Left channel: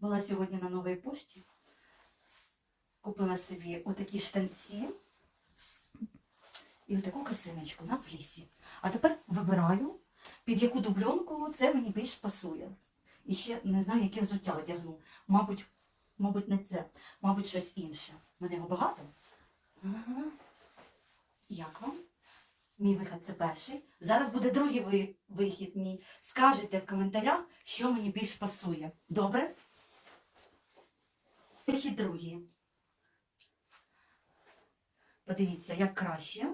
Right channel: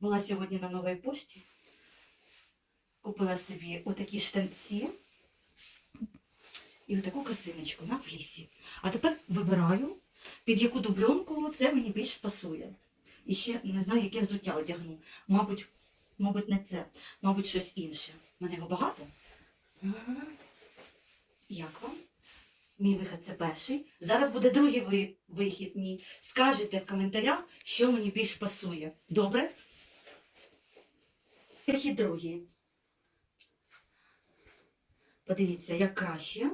Була сьогодні на новій пошті. Купила собі отакі штанці і отаку косиночку на флісі. А тепер вибираю, під яку дубльонку це мені більш пасує. І ще не знаю, яке взуття одягну. Мабуть, мабуть, не це, мабуть, щось інше. У мене його багато. Ага. Як вам? Мій вихід це перший. Зараз буде другий ви- вихід мій. Скажете в коментарях, що мені більш пасує. Добре? Вихід другий. Подивіться, як краще.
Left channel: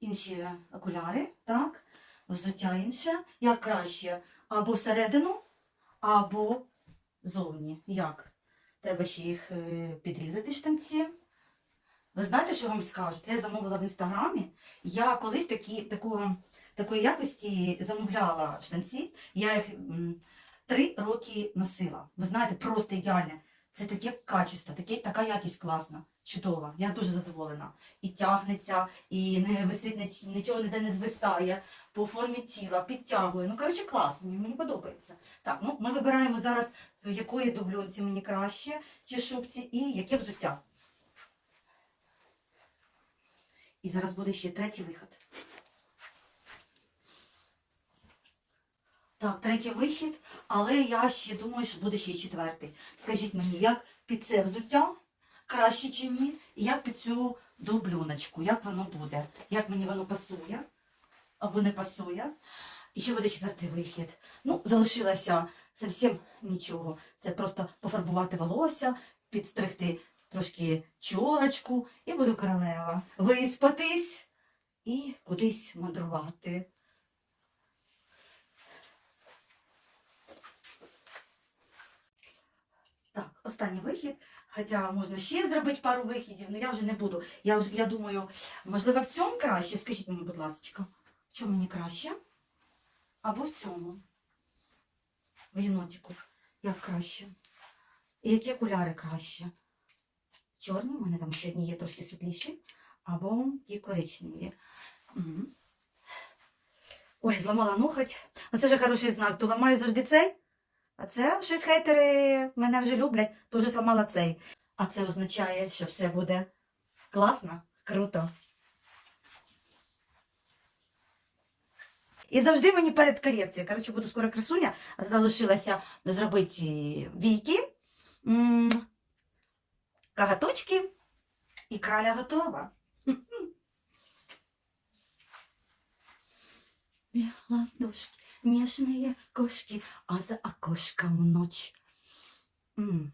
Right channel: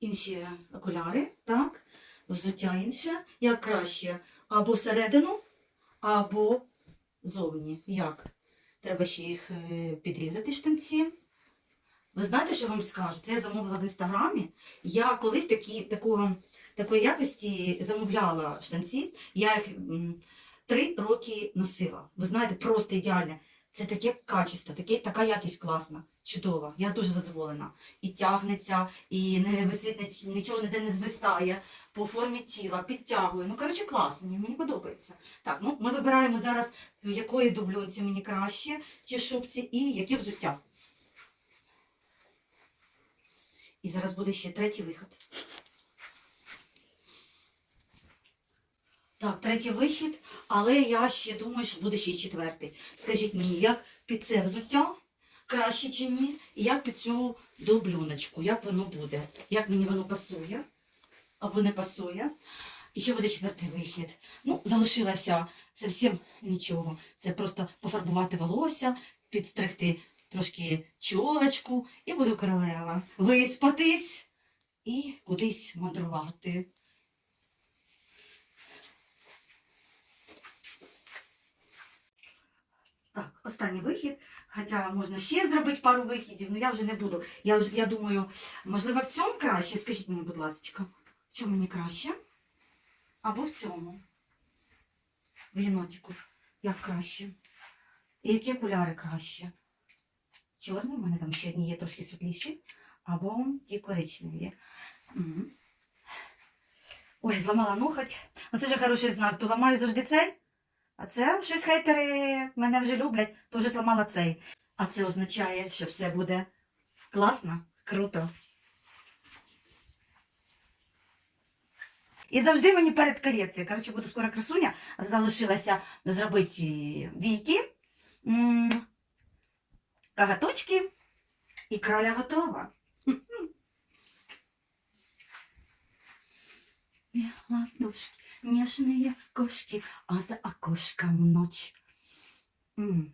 Інші окуляри, так? Взуття інше. Як краще або всередину, або зовні. Як? Треба ще їх е, підрізати штанці. Ви знаєте, що вам скажу? Це я замовила в інстаграмі. Я колись такі, такого, такої якості замовляла штанці. Я їх три роки носила. Ви знаєте, просто ідеальне. Це таке качество, таке, така якість класна, чудова. Я дуже задоволена. І тягнеться, і не висить нічого ніде не звисає по формі тіла, підтягує. Ну, коротше, класно, мені, мені подобається. Так, ну ми вибираємо зараз, якої дублюнці мені краще, чи шубці, і яке взуття. І зараз буде ще третій вихід. Так, третій вихід, але я ще думаю, що буде ще й четвертий. Скажіть мені, як під це взуття краще чи ні? І як під цю дублюночку, як воно буде? Як мені воно пасує або не пасує? І ще буде четвертий вихід. Ну, залишилося зовсім нічого. Це просто пофарбувати волосся, підстригти трошки чолочку і буду королева. Виспатись і кудись мандрувати. Так, останній вихід. Хоча можна ще зробити пару вихідів, але я вже не буду. Я, вже, я думаю, можливо, в цьому краще? Скажіть мені, будь ласка, в чому мені краще? Або в цьому? В єнотику. Як краще? І які окуляри краще? Чорний, у мене там ще одні є трошки світліші, або ті коричневі. Мгм. Ой, зламала ноготь. Оце вже хороший знак. То ламаю завжди цей. А це щось хейтери мене вже люблять, то вже зламала цей. А це означає, що все буде класно, круто. І завжди мені перед корекцією. Коротше, буду скоро красуня, а залишилося зробити війки, кагаточки і краля готова. Ладошки, нежные кошки, а за окошком ночь. М.